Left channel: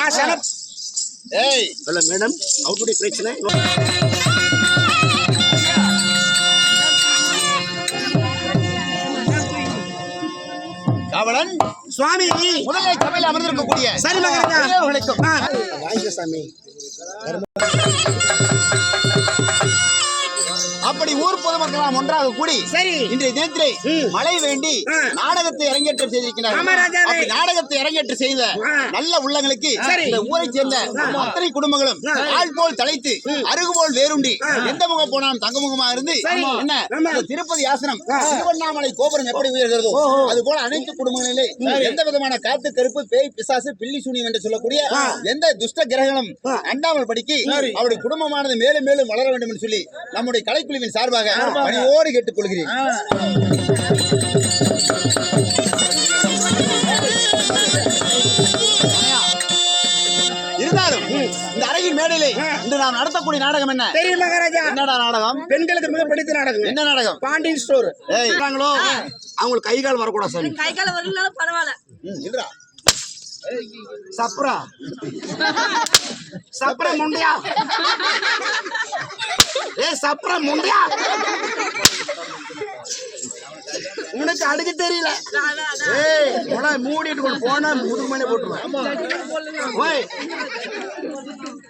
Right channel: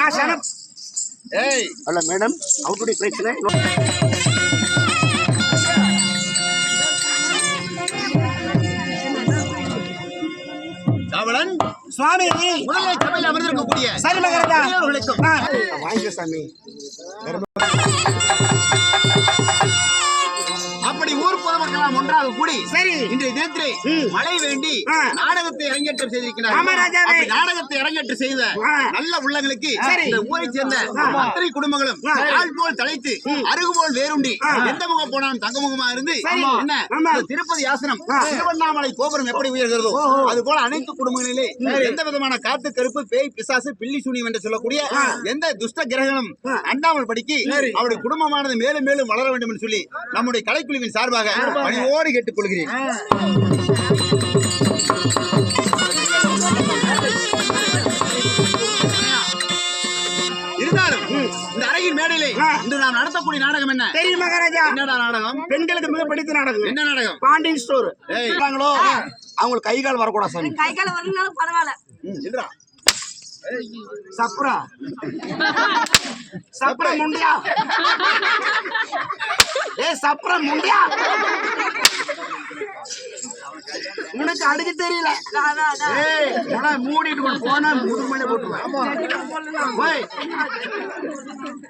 நான் சனம். ஏய் hello madam, அவுட்டுடி பிரச்சனை. ராவணன் சுவாமி முதலை சபையில் அமர்ந்திருக்கக்கூடிய சரி மகராஜா அவர்களுக்கும் வாங்க சாமி. அப்படி ஊர் பொதுமக்களாம் ஒன்றாக கூடி சரி இன்றைய தினத்திலே மழை வேண்டி நாடகத்தை அரங்கேற்றம் செய்திருக்கிறார்கள். நாடகத்தை அரங்கேற்றம் செய்த நல்ல உள்ளங்களுக்கு இந்த ஊரை சேர்ந்த அத்தனை குடும்பங்களும் ஆள் போல் தலைத்து அருகு போல் வேறுண்டி எந்த முகம் போனாலும் தங்க முகமா இருந்து என்ன திருப்பதி ஆசனம் திருவண்ணாமலை கோபுரம் எப்படி உயர்கிறதோ அது போல அனைத்து குடும்பங்களிலே எந்த விதமான காத்து கருப்பு பேய் பிசாசு பில்லி சூனியம் என்று சொல்லக்கூடிய எந்த துஷ்ட கிரகங்களும் அண்டாமல் படிக்கு அவருடைய குடும்பமானது மேலும் மேலும் வளர வேண்டும் என்று சொல்லி நம்முடைய கலைக்குழுவின் சார்பாக பணியோடு கேட்டுக் கொள்கிறேன். இருந்தாலும் இந்த அறையின் மேடையிலே இன்று நாம் நடத்தக்கூடிய நாடகம் என்ன தெரியும் மகாராஜா? என்னடா நாடகம்? பெண்களுக்கு மிக பிடித்த நாடகம். என்ன நாடகம்? பாண்டியன் ஸ்டோர். அவங்களுக்கு கை கால் வரக்கூடாது சாமி. கை கால் வரலனாலும் பரவாயில்ல. சப்ரா சப்ரா முண்டியா, ஏ சப்ரா முண்டியா, உனக்கு அடிக்க தெரியல. ஏய் உன மூடிட்டு கொண்டு போனா முதுமணி போட்டுருவேன்.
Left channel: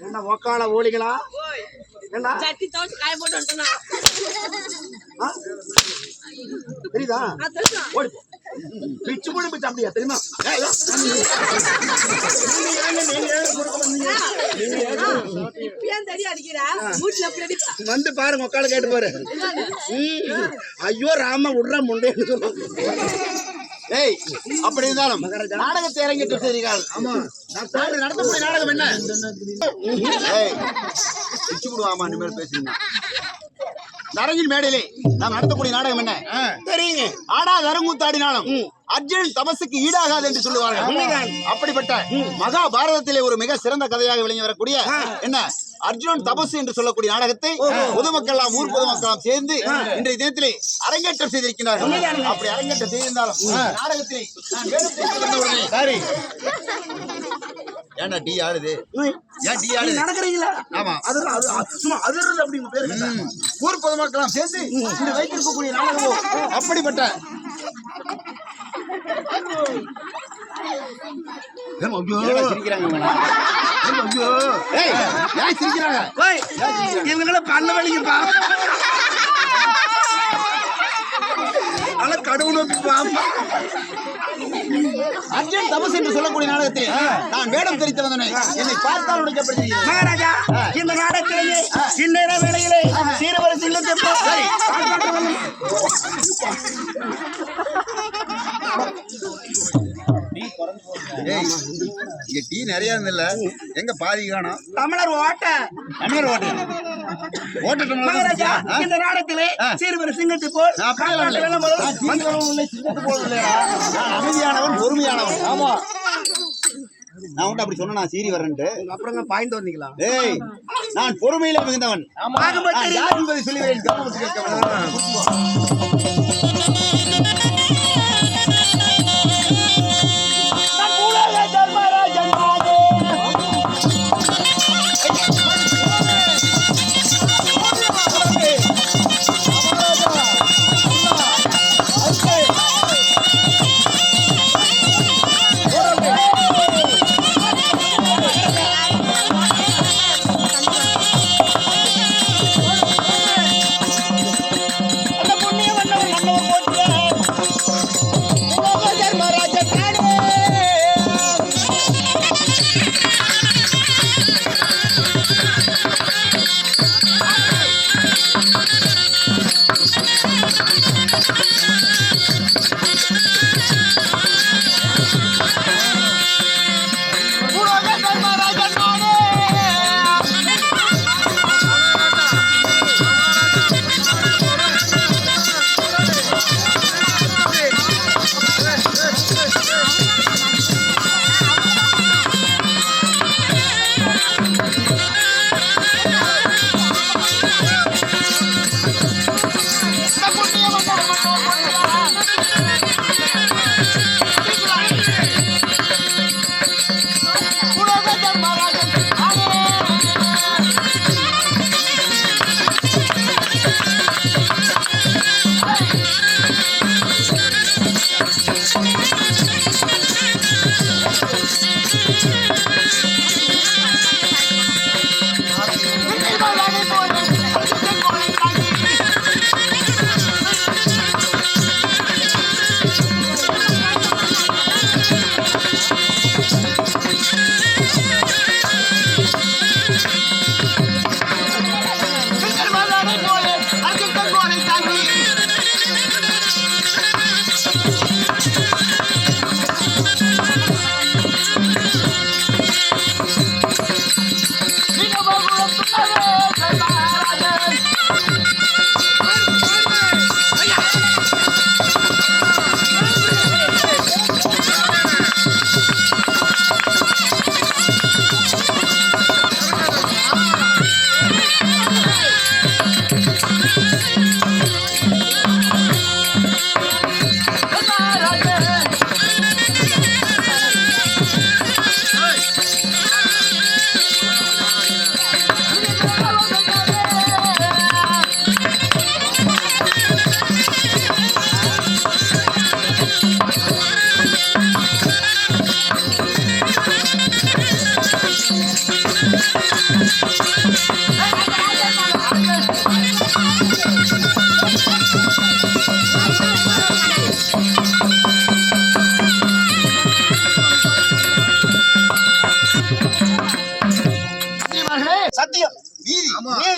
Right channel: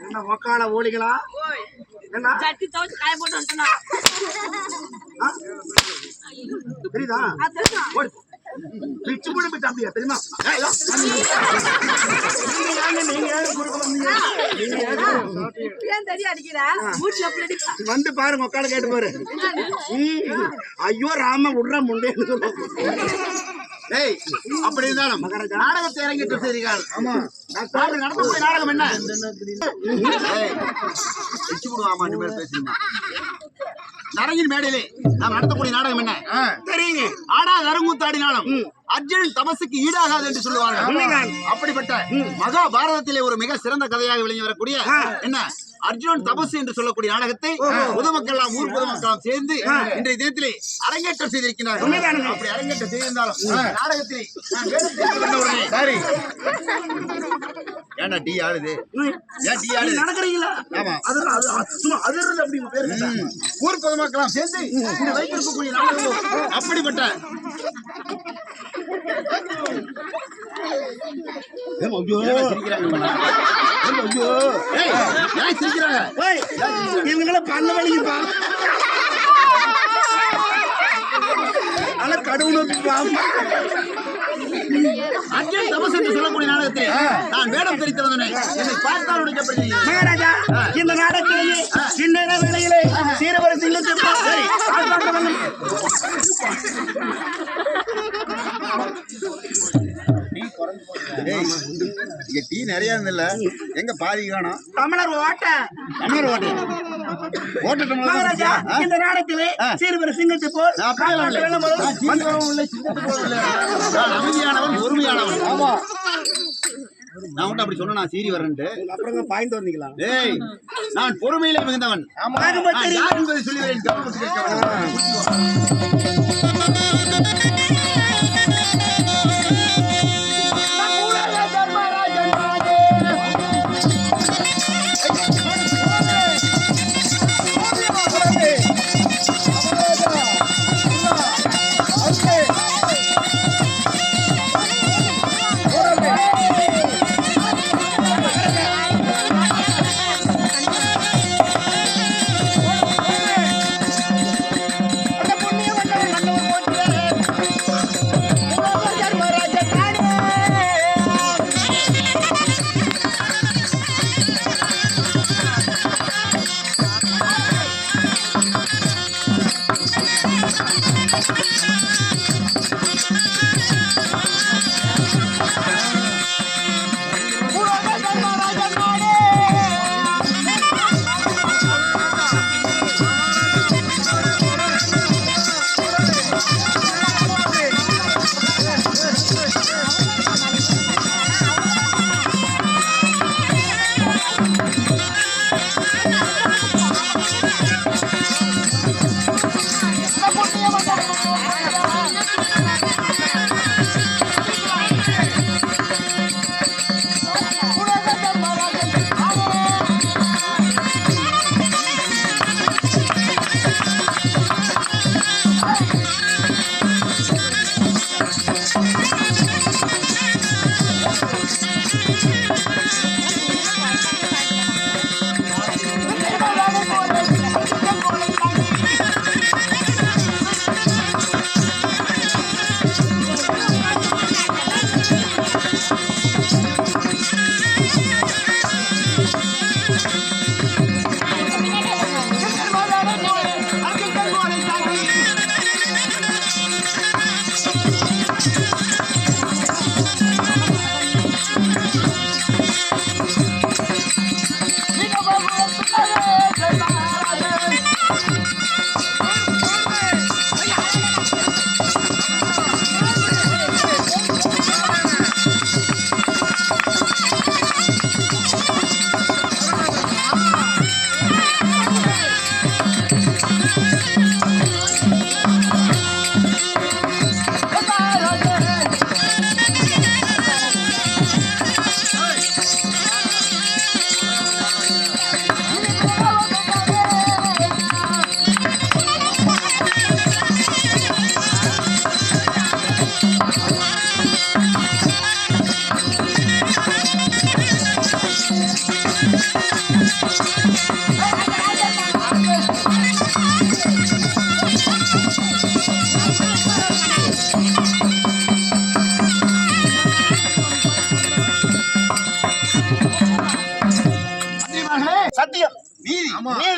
என்ன ஒக்கால ஓலிகளா? என்ன சட்டி தோச்சு காய போட்டு வந்துட்டேனா? தெரியுதா? ஓடி பிச்சு போடு பிச்சு அப்படியா தெரியுமா? வந்து பாருங்க உக்கால கேட்டு பாரு. ஐயோ ராம விடுற முண்டேன்னு சொல்லுவோம். ஏய் அப்படி இருந்தாலும் நாடகத்தை அரங்கேற்றம் செய்கிறீர்கள். ஆமா நடத்தக்கூடிய நாடகம் என்ன? ஏய் பிச்சு விடுவாமா இனிமேல் பேசுறீங்க. நரகின் மேடையிலே நாம் நடத்தக்கூடிய நாடகம் என்ன தெரியுங்க? ஆடாத அரங்கூத்தாடினாலும் அர்ஜுனன் தபசுக்கு ஈடாகாது என்று சொல்லுவார்கள். அப்படிப்பட்ட மகாபாரதத்திலே ஒரு மிக சிறந்த கதையாக விளங்கி வரக்கூடிய என்ன அர்ஜுனன் தபசு என்று சொல்லக்கூடிய நாடகத்தை பொதுமக்கள் ஊர் பொதுமக்கள் சேர்ந்து இன்றைய தினத்திலே அரங்கேற்றம் செய்திருக்கிறார்கள். அப்படி அரங்கேற்றம் செய்திருந்தாலும் நாடகத்திலே நான் வேலை சரி ஏன்னா டி ஆடுது நடக்கிறீங்களா? ஆமா சும்மா அதிர்றது அப்படிங்க பேரு. ஊர் பொதுமக்கள் சேர்ந்து இன்று வைத்திருக்கக்கூடிய நாடகமோ அப்படிப்பட்ட இவங்களை பண்ண வலிக்குப்பா, கடவுள் அர்ஜுன் தபஸ் என்று சொல்லக்கூடிய நாடகத்தில் நான் வேடம் தெரிவித்து வந்தேன். என்னை பார்த்தால் உடைக்கப்படுகிறேன். மகாராஜா இந்த நாடகத்திலேயே சின்ன வேளையிலே சீரவர சிங்கத்தை டீ நிறைய இருந்தில்ல, எங்க பாதி காணோம். தமிழர் ஓட்ட மகாராஜா இந்த நாடகத்திலே சீரவர சிங்கத்தை போல் சிங்கத்தை போல் அமைதியானவன் பொறுமையானவன். ஆமா நான் உன்ட்ட அப்படி சொன்னா சீரி வரேன்ட்டு அப்புறம் பாய்ந்து வந்தீங்களா? ஏய் நான் பொறுமையில மிகுந்தவன். யார் என்பதை சொல்லுவேன். கவனம் கேட்க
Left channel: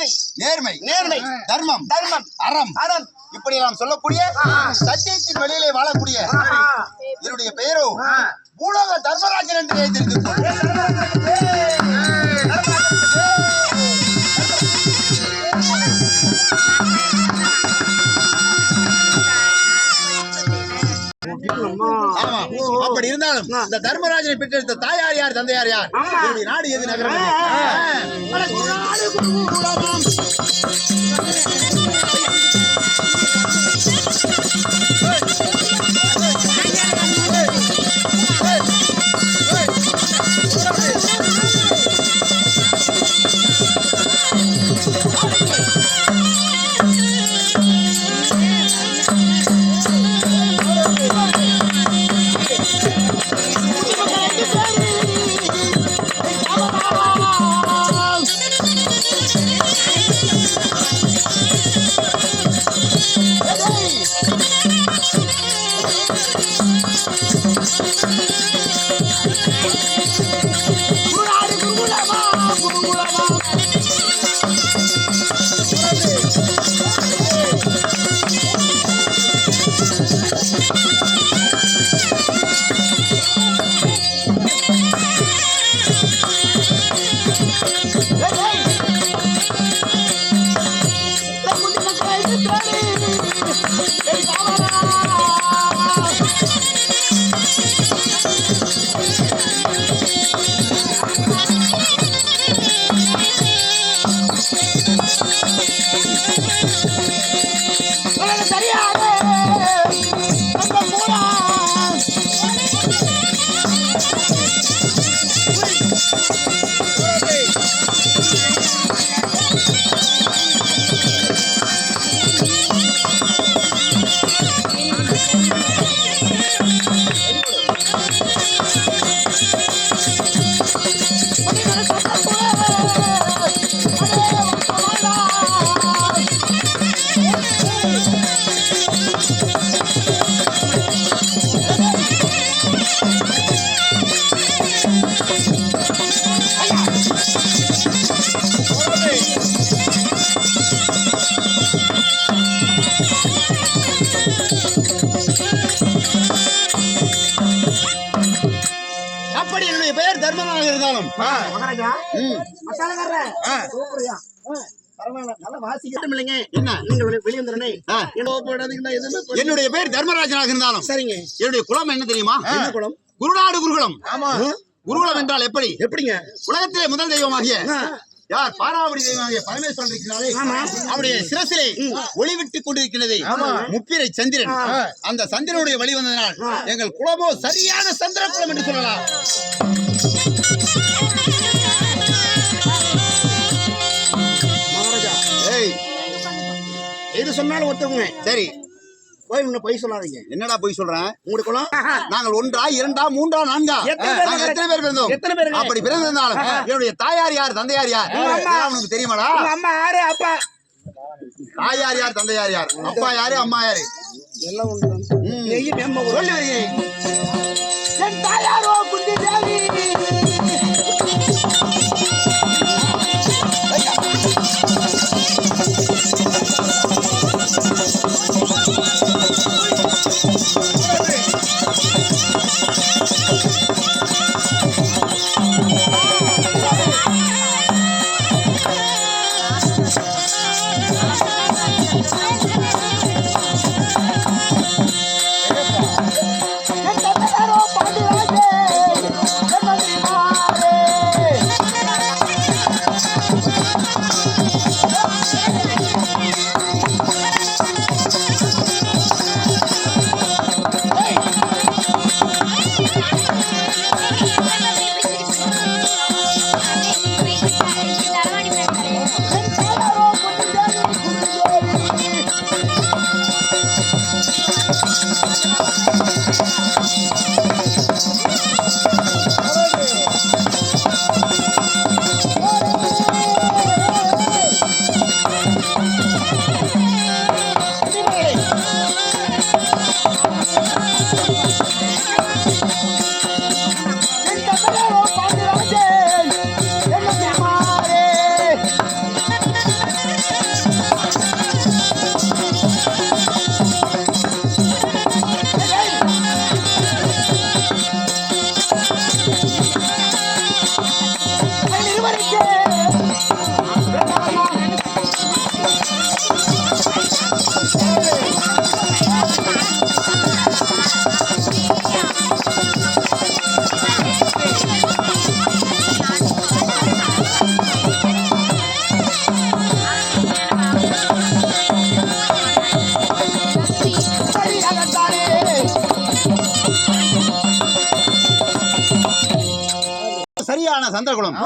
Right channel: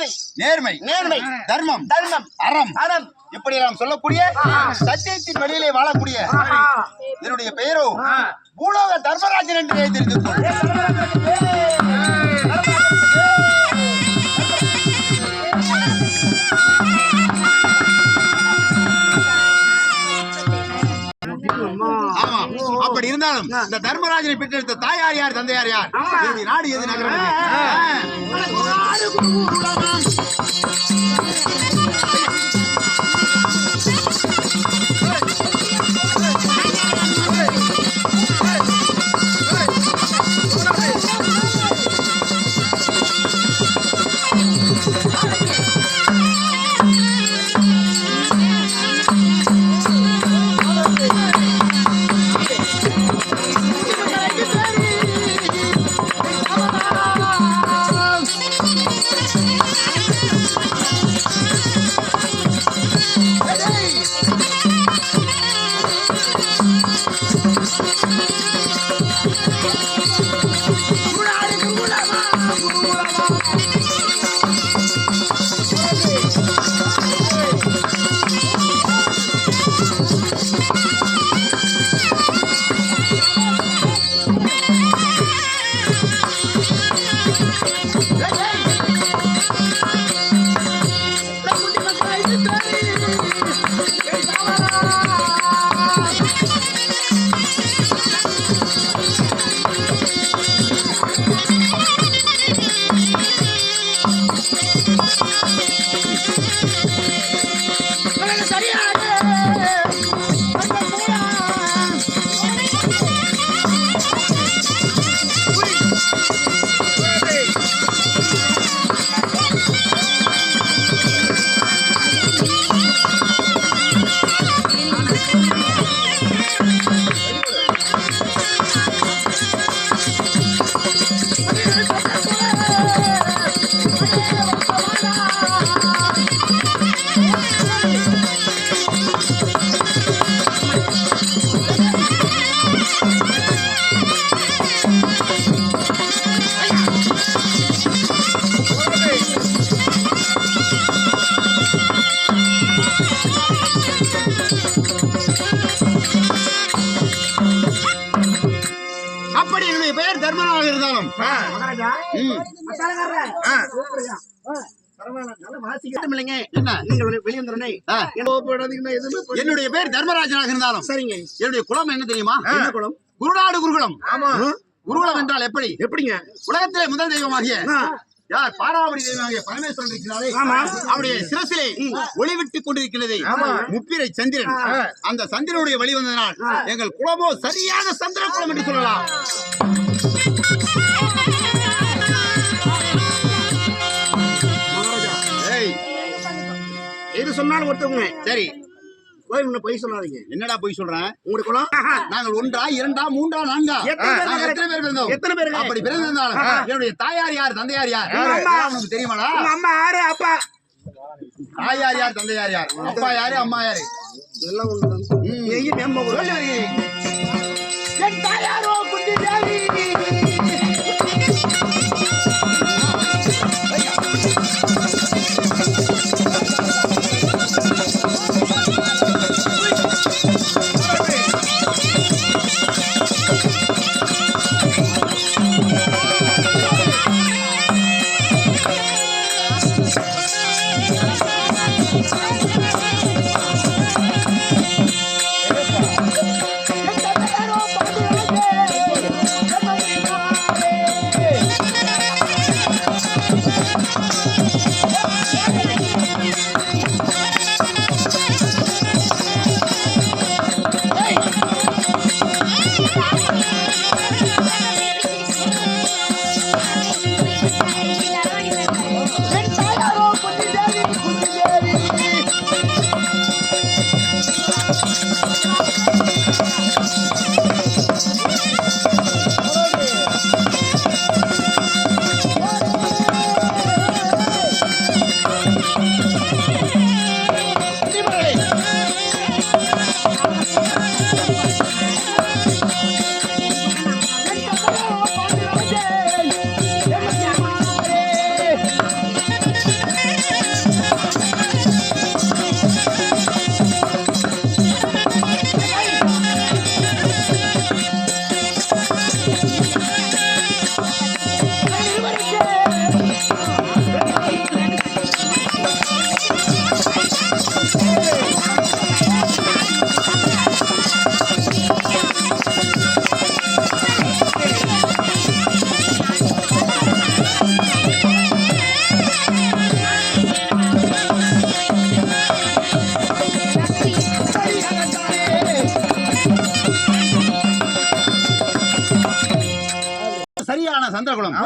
நீதி, நேர்மை, நேர்மை, தர்மம், தர்மம், அறம், அறம், இப்படி நாம் சொல்லக்கூடிய சத்தியத்தின் வழியிலே வாழக்கூடிய இதனுடைய பெயரோ பூலோக தர்மராஜன் என்று எழுதியிருக்கிறது. ஆமா, அப்படி இருந்தாலும் இந்த தர்மராஜனை பெற்றெடுத்த தாயார் யார், தந்தையார் யார், இதனுடைய நாடு எது, நகரம் தர்மராஜன் இருந்தாலும் என்னுடைய பேர் தர்மராஜனாக இருந்தாலும் சரிங்க. என்னுடைய குலம் என்ன தெரியுமா? குலம் குருநாடு குருகுலம். குருகுலம் என்றால் எப்படி? எப்படிங்க? உலகத்திலே முதல் தெய்வமாகிய யார் பாராவடி தெய்வமாகிய பரமேஸ்வரன் இருக்கிறாரே, அவருடைய சிரசிலே ஒளிவிட்டுக் கொண்டிருக்கிறது முப்பிரை சந்திரன். அந்த சந்திரனுடைய வழி வந்ததனால் எங்கள் குலமோ சரியான சந்திர குலம் என்று சொல்லலாம். எது சொன்னாலும் ஒத்துக்குங்க. சரி, பொய் சொல்லாதீங்க. என்னடா பொய் சொல்றேன்? உங்களுக்கு குலம் நாங்கள் 1, 2, 3, 4 எத்தனை பேர் பிறந்தோம்? எத்தனை பேர்? அப்படி பிறந்திருந்தாலும் என்னுடைய தாயார் யார், தந்தையார் யார் உனக்கு தெரியுமாடா? அம்மா யாரு, அப்பா தாயார் யார், தந்தையார் யார், அப்பா யாரு, அம்மா யாரு? எல்லாம் ஒண்ணுதான். சொல்லி வருகிறேன். என் தாயாரோ குந்தி தேவி. சந்திரகுலம்.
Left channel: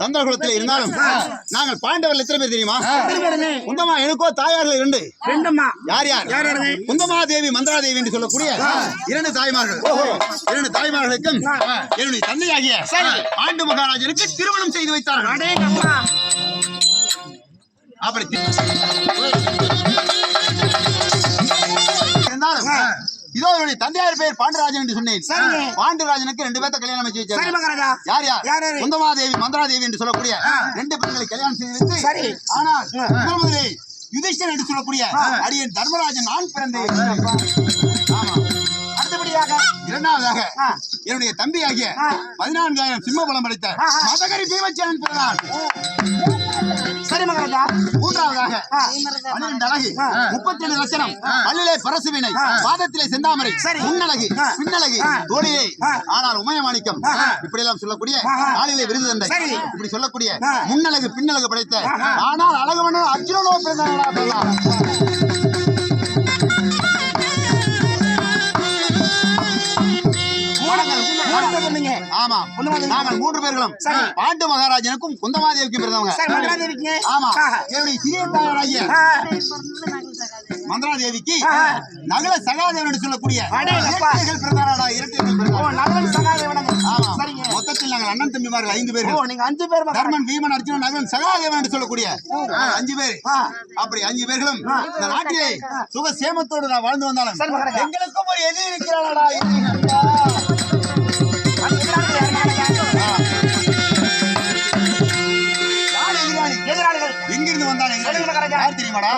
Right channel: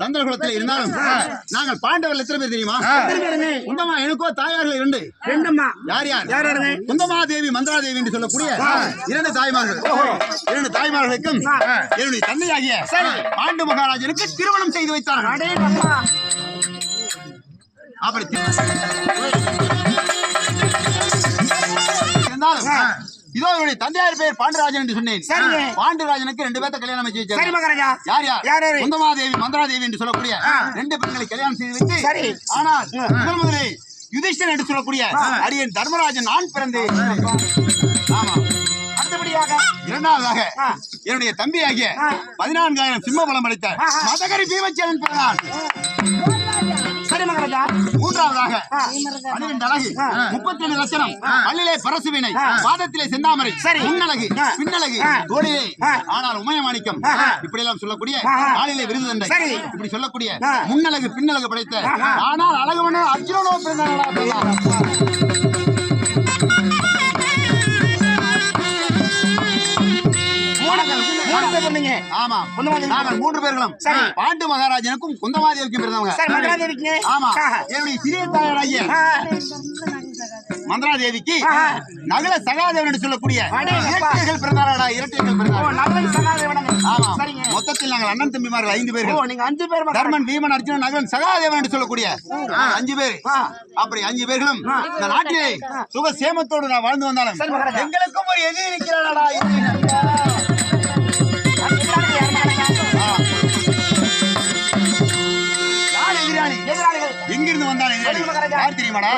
சந்திரகுலத்தில் இருந்தாலும் நாங்கள் பாண்டவர்கள் எத்தனை பேர் தெரியுமா? குந்தமா எனக்கோ தாயார்கள் 2. யார் யார்? குந்தமா தேவி, மந்திரா தேவி என்று சொல்லக்கூடிய 2 தாய்மார்கள். 2 தாய்மார்களுக்கும் என்னுடைய தந்தையாகிய பாண்டு மகாராஜனுக்கு திருமணம் செய்து வைத்தார்கள். அப்படி இதோ என்னுடைய தந்தையார் பேர் பாண்டராஜன் என்று சொன்னேன். பாண்டராஜனுக்கு 2 பேர்த்த கல்யாணம் வச்சு வச்சார். யார்? குந்தமாதேவி, மந்திராதேவி என்று சொல்லக்கூடிய 2 பெண்களை கல்யாணம் செய்து வைத்து, ஆனால் முதலே யுதிஷ்டன் என்று சொல்லக்கூடிய அரியன் தர்மராஜன் நான் பிறந்தேன். ஆமா. அடுத்தபடியாக 2வதாக என்னுடைய தம்பியாகிய 14,000 சிம்ம பலம் அளித்த மதகரி பீமச்சேனன் பிறந்தான். 3வதாக 12 அழகு, 37 லட்சணம், பல்லிலே பரசுவினை, பாதத்திலே செந்தாமரை, முன்னழகு, பின்னழகு, தோளிலே ஆனால் உமயமாணிக்கம், இப்படி எல்லாம் சொல்லக்கூடிய காலிலே விருது தண்டை, இப்படி சொல்லக்கூடிய முன்னழகு பின்னழகு படைத்த ஆனால் அழகுவனோ அர்ஜுனனோ பிறந்தார்களா? ஆமா, நாங்கள் 3 பேர்களும் பாண்டு மகாராஜனுக்கும் குந்தமாதேவிக்கும் பிறந்தவங்க. ஆமா, என்னுடைய சிறிய தாயாராகிய மந்திராதேவிக்கு நகல சகாதேவன் என்று சொல்லக்கூடிய இரட்டைகள் பிறந்தாரா? இரட்டைகள் பிறந்தார்கள். ஆமா, மொத்தத்தில் நாங்கள் அண்ணன் தம்பிமார்கள் 5 பேர்கள். நீங்க 5 பேர், தர்மன், பீமன், அர்ஜுனன், நகலன், சகாதேவன் என்று சொல்லக்கூடிய 5 பேர். அப்படி 5 பேர்களும் இந்த நாட்டிலே சுக சேமத்தோடு நான் வாழ்ந்து வந்தாலும் எங்களுக்கும் ஒரு எதிரி இருக்கிறாரா? எங்கிருந்து வந்தான் யார் தெரியுமாடா?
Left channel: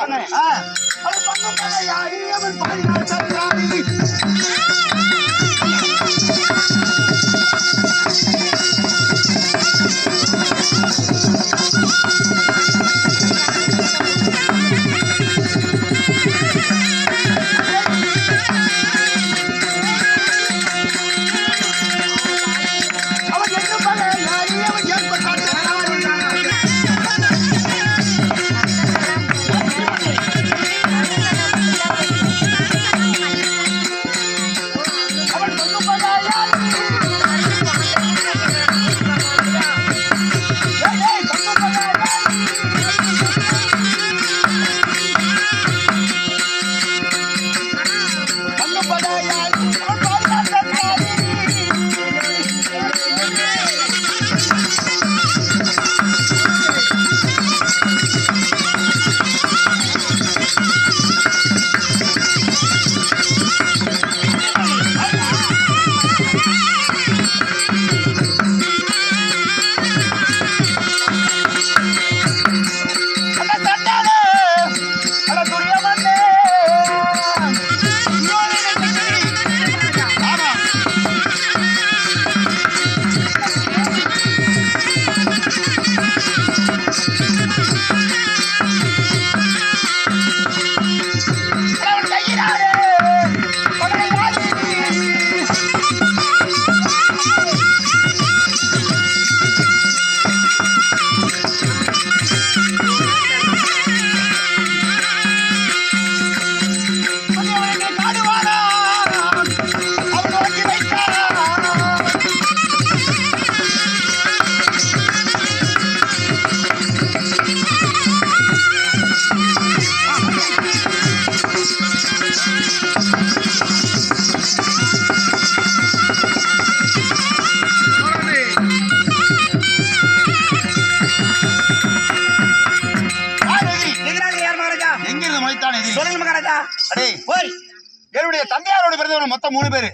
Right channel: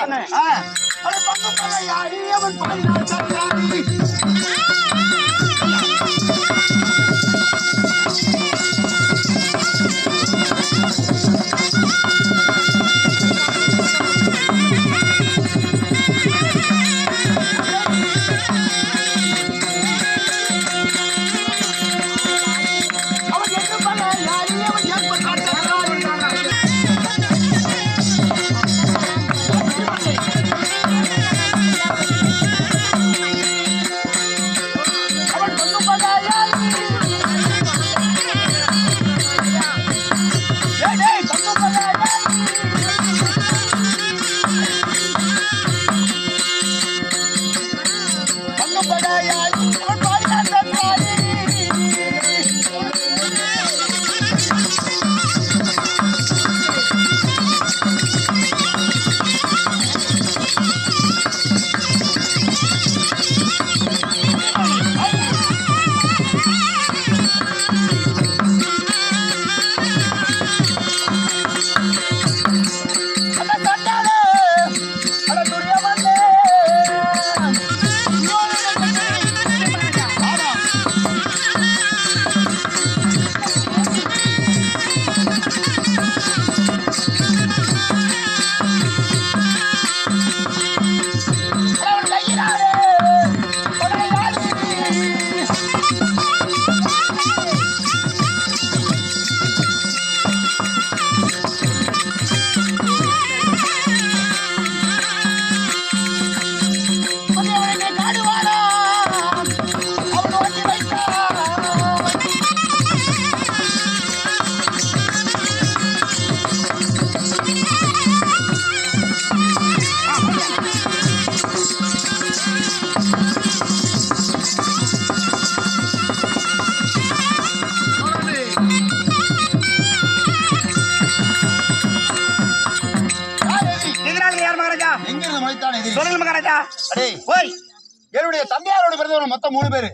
என்னுடைய தந்தையாரோட பிறந்தவர் மொத்தம் 3 பேரு.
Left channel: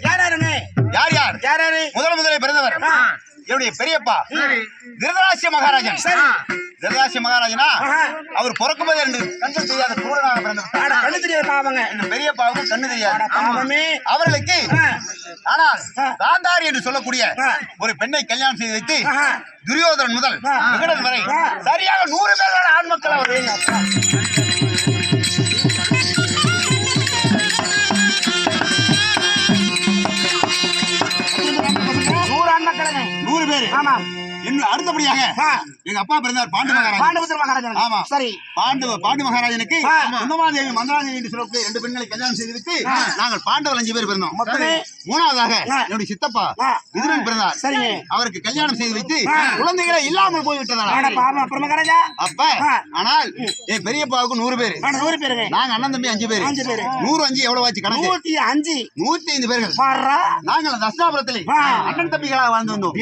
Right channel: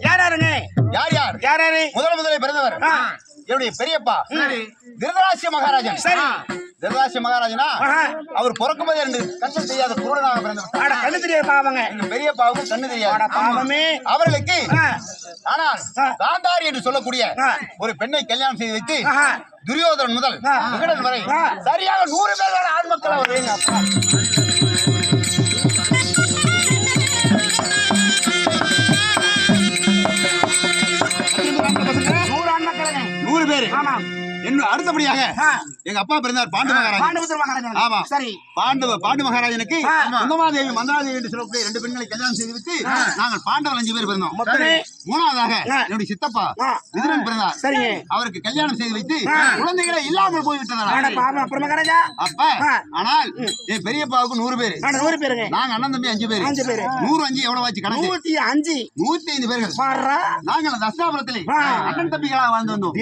யார்? முதலே பிறந்தவர் என்னுடைய பெரியப்பா திருதராஷ்டிர மகாராஜன். திருதராஷ்டிர மகாராஜனா அவர் பிறக்கும் போது 2 கண்கள் தெரியாத குருடனாக பிறந்தவர். கண்ணு தெரியாது எங்க பெரியப்பாவுக்கு கண்ணு தெரியாது அவர்களுக்கு. ஆனால் காந்தாரி என்று சொல்லக்கூடிய ஒரு பெண்ணை கல்யாணம் செய்து வைத்து துரியோதனன் முதல் விகடன் வரை சரியாக 100 பேரோட ஆண் மக்கள் அவர். இன்னும் அடுத்தபடியாக எங்க அப்பா பிறந்தார் பாண்டு மகாராஜா. பாண்டுபுத்திர மகாராஜா. ஆமா. சரி. பாண்டு மகாராஜனுக்கு குந்தமாதேவி மந்திராதேவி என்று சொல்லக்கூடிய 2 பெண்களை கல்யாணம் செய்து விட்டு நாங்கள் பாண்டவர் 5 பேர் பிறந்தோம். மூணாவதாக என்னுடைய சித்தப்பா விதுரன் பிறந்தார். சரிங்க. அவருக்கு கல்யாணம் செய்து வைத்து குழந்தைகளே இல்லாமல் போய்விட்டதால் அப்ப ஆனால் என் பெரியப்பாவுக்கு 100 பேர். 100 பேருங்க. நாங்க அண்ணன் தம்பி 5 பேர். 105 எவ்வளவு ஆச்சு கணக்கு? 105 பேர்கள். நாங்கள் தஸ்தாபுரத்திலே அண்ணன் தம்பிகளாக வாழ்ந்து வந்தோம்.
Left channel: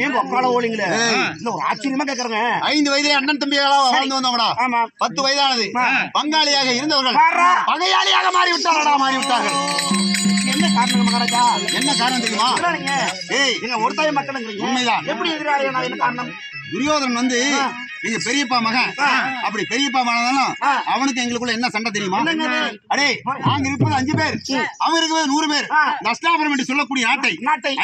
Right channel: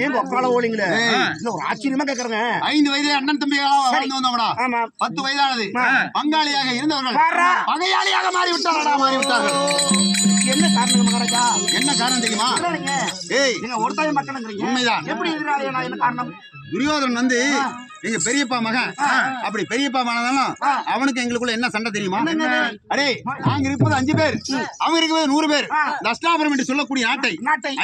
ஆச்சரியமா கேக்குறேங்க. 5 வயதிலே அண்ணன் தம்பிகளாக வாழ்ந்து வந்தோம்டா. 10 வயதானது பங்காளியாக இருந்தவர்கள் பகையாளியாக மாறிவிட்டார்கள். என்ன காரணம் மகாராஜா? என்ன காரணம் தெரியுமா? ஏய், நீங்க ஒருத்தாய மக்கள் உண்மைதான். எப்படி எதிராளியா? என்ன காரணம்? துரியோதனன் வந்து எங்க பெரியப்பா மகன். அப்படி பெரியப்பா மகனாலும் அவனுக்கு எங்களுக்குள்ள என்ன சண்டை தெரியுமா? அடே, நாங்க இருப்பது 5 பேர், அவன் இருக்கிறது 100 பேர். தஸ்தாபுரம் என்று சொல்லக்கூடிய நாட்டை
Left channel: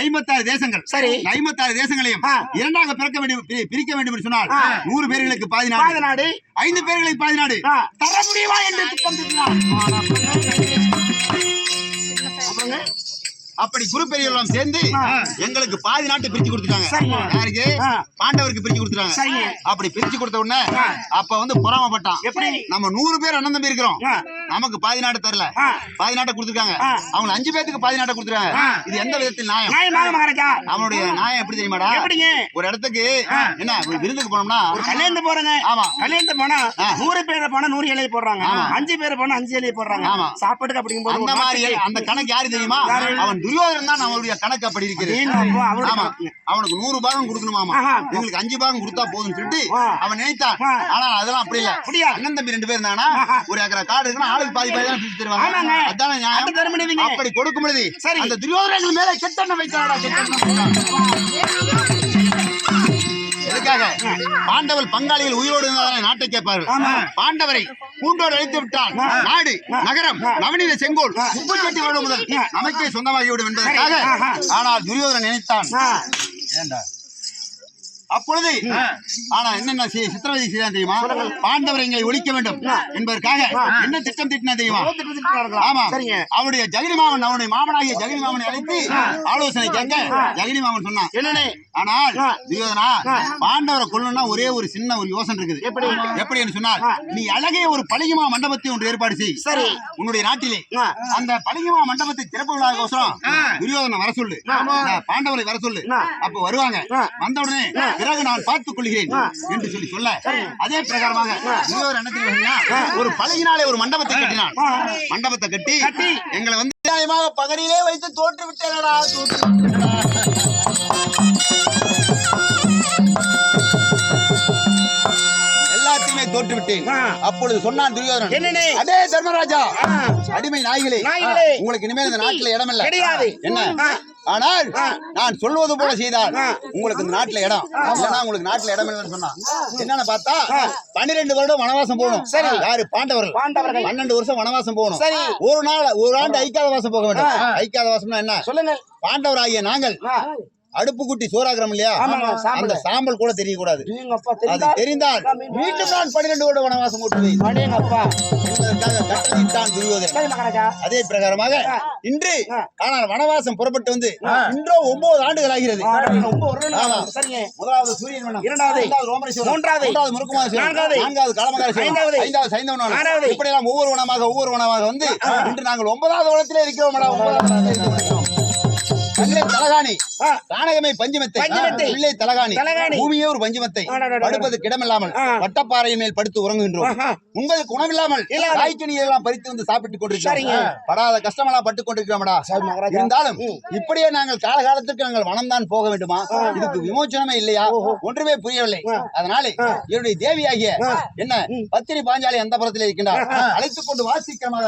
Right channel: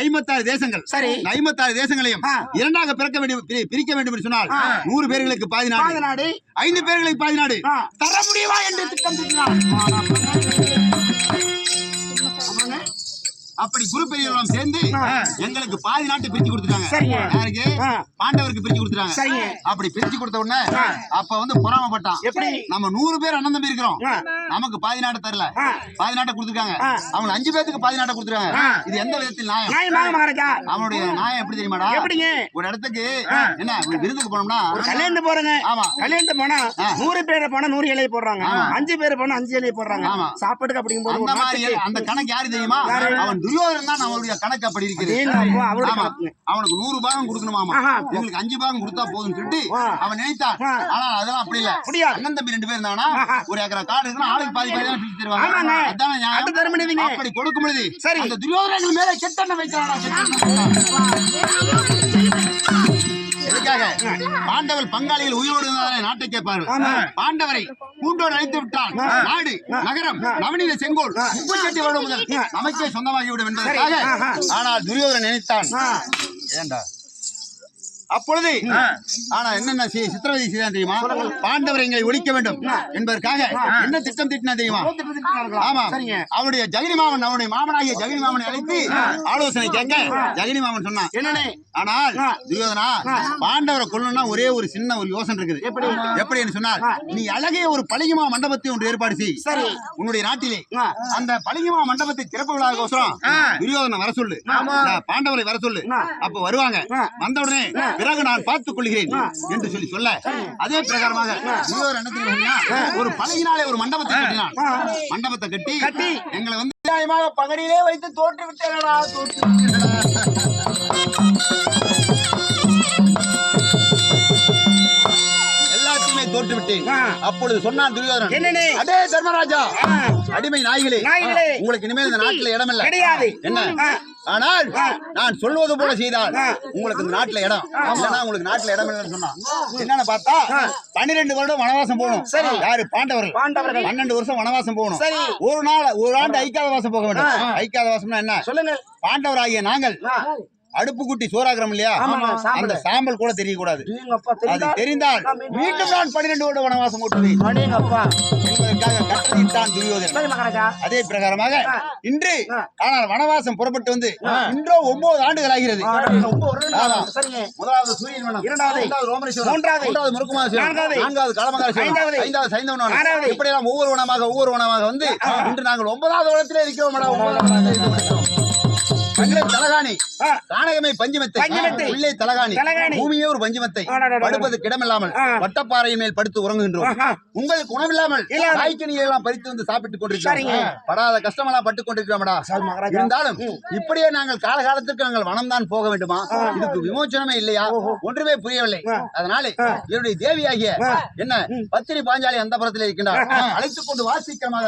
56 தேசங்கள். சரி, 56 தேசங்களையும் இரண்டாக பிரிக்க வேண்டும் என்று சொன்னால் 100 பேர்களுக்கு பாதி நாடு, 5 பேர்களுக்கு பாதி நாடு தர முடியுமா என்று திட்டம் தீட்டினார். அப்படி குரு பெரியவர்களும் சேர்ந்து எங்களுக்கு பாதி நாட்டை பிரிச்சு கொடுத்துட்டாங்க. யாருக்கு? பாண்டவருக்கு பிரிச்சு கொடுத்துட்டாங்க. அப்படி பிரிச்சு கொடுத்த உடனே அப்ப வந்து பொறாமப்பட்டான். எப்படி? நம்ம 100 பேர் அண்ணன் தம்பி இருக்கிறோம், நமக்கு பாதி நாட்டை தரல, பாதி நாட்டை கொடுத்துருக்காங்க. அவங்க 5 பேருக்கு பாதி நாட்டை கொடுத்துருக்காங்க. இது எந்த விதத்தில் நியாயம்? அவனுடைய நியாயம் எப்படி தெரியுமாடா? ஒரு இடத்துக்கு என்ன விருந்துக்கு போனோம்னா கல்யாணம் போறேங்க. ஆமா, கல்யாணம் போனா 100 பேர் போனா 100 இலையை போடுறாங்க, 5 பேர் போனா 5 இலையை போடுறாங்க. சாப்பாட்டுக்கு அப்படிங்கும்போது அந்த மாதிரி அந்த கணக்கு யாரு தெரியுமா? அவன் துரியோதனன் தான் அவனுடைய கணக்கு அப்படி இருக்குது. அவனுக்கு 100 பாகம் கொடுக்கணுமாமா, உங்களுக்கு 5 பாகம் கொடுத்தா போதும்னு சொல்லிட்டு அவன் நினைத்தான். ஆனா அதெல்லாம் அப்படி இல்ல. அண்ணன் தம்பி 2 பேர் இருந்தானா ஒரு ஏக்கரா காடு இருக்குன்னா ஆளுக்கு பாதி பாதி தான் பிரிச்சு தருவாங்க. அதான நியாயம். அப்படி கொடுக்கும் பொழுது அந்த துரியோதனன் மேல கெட்டெண்ணம் வைக்கிறாடா. எதுக்காக? பாண்டவர் பங்காளிகள் உயிரோடு இருந்தாலே நாட்டை கேட்பார்கள். பாண்டவரை பூண்டோடு அழித்து விட்டால் நாடு நகரம் நவநீத செங்கோல் 38 வருடம் முதல் நமக்கே சொந்தமாகிவிடும் என்பதற்காக. ஆனால் துரியோதனன் நினைத்தான். ஏண்டா அப்பொழுது ஆனா என்னென்ன சித்திரவதை செய்தான் தெரியுமா? பாண்டவரை எங்களை ஒழிக்க வேண்டும் என்பதற்காக என்ன திட்டம் திட்டினா தெரியுமா? ஆமா, அவருடைய ஜெகனி மாமன், அவனுடைய மாமனாகிய ஜெகனி மாமனை அழைத்து ஆலோசனை கேட்க ஜெகனி மாமன் சொன்னான் என்னன்னு. ஆனால் துரியோதனா, பாண்டவரை கொல்லணும்னா ஒரே ஒரு சின்ன ஒரு யோசனை இருக்குது. எப்படி என்று சொன்னால், நீ அழகிய ஒரு பளிங்குமா மண்டபத்தை ஒன்று ஏற்பாடு செய். சரி, உன்னுடைய நாட்டிலே அந்த பளிங்குமா மண்டபத்தை திறப்பு விழாவுக்கோசரம் துரியோதனை வர சொல்லு, பாண்டவரை வர சொல்லு. அப்ப வருவாங்க. வந்த உடனே பிறகு நான் பார்த்துக் கொள்கிறேன் என்று சொல்ல அதே பிரகாரமாக ஒரு பழகினாலே ஒரு மண்டபத்தை கட்டினான். மண்டபத்தை கட்டி எங்களை வந்து நியாயமாக பகடியிலே வைத்து தோற்று விட்டேனடா. எல்லாத்தையுமே தோற்று விட்டேன். அப்பொழுது சொன்னான் துரியோதனன், அடே தர்மராஜா, அடிமை நாய்களே, உங்களுக்கு இனிமேல் இந்த நாட்டில் இடம் இல்லை. என்ன? ஆனால் நான் சொல்வது போல செய்தால் உங்களுக்கு இந்த நாட்டுல இடம் இல்லைன்னா உங்களுக்கு நாட்டுல இடம் இல்லைன்னு சொன்னா என்னன்னு பார்த்தா 12 வருடம் வனவாசம் போகணும். யாரு? பாண்டவர்கள் 12 வருஷம் வனவாசம் போகணும். ஒரு ஆண்டு ஐக்காத வாசம் போக வேண்டும். ஐக்காத வாசம்னா என்ன சொல்லுங்க? பாண்டவராகிய நாங்கள் அடுப்பு குட்டி சோறாகிறோம் இல்லையா, அந்த சாம்பல் கூட தெரியக்கூடாது. அது தெரிந்தால் மீண்டும் நான் 12 வருட வனவாசம் ஓட்டுவேன் என்பதற்காக கட்டளையிட்டான் துரியோதனன். அதே பிரகாரமாக இன்று ஆனால் வனவாசம் புறப்பட்டு வந்து இன்றோ 9 ஆண்டுகள் ஆகிறது. முதலாவது சூரியன் வனம், இரண்டாவது ரோமரேஸ்வரம், மூன்றாவது முருக்குமாரேஸ்வரம், நான்காவது காலமங்காரேஸ்வரம், ஐந்தாவது சைந்தவனம். இப்படியெல்லாம் ஒவ்வொரு வனமாக வந்து இன்று நாங்கள் 9வது வனத்திலே இருக்கிறோம். தலகாணி காணகமே பஞ்சமத்தை, உள்ளே தலகாணி, பூமியே ஒரு பஞ்சமத்தை, படுப்பது கிடமில்லாமல் வட்டப்பாறையின் மேல் படுத்து உறங்குகின்றோம். உங்களுக்கு உணவில்லாமல் காய்கனியை எல்லாம் பறித்து வந்து சாப்பிட்டுக் கொண்டிருக்கிறோம். படாத கஷ்டமெல்லாம் பட்டுக் கொண்டிருக்கிறோம்டா. இருந்தாலும் இப்படியே நாங்கள் காலகாலத்திற்கு நாங்கள் வனம்தான் போக வேண்டுமா? இதுக்கு விமோச்சனமே இல்லையா? ஒன்றுமே புரியவில்லை. அதனால என்னுடைய தேவியாகிய என்ன பத்தினி பாஞ்சாலி அந்த புறத்தில் இருக்கின்றார், அழைத்துக் கொண்டு வாசிக்கிறமாக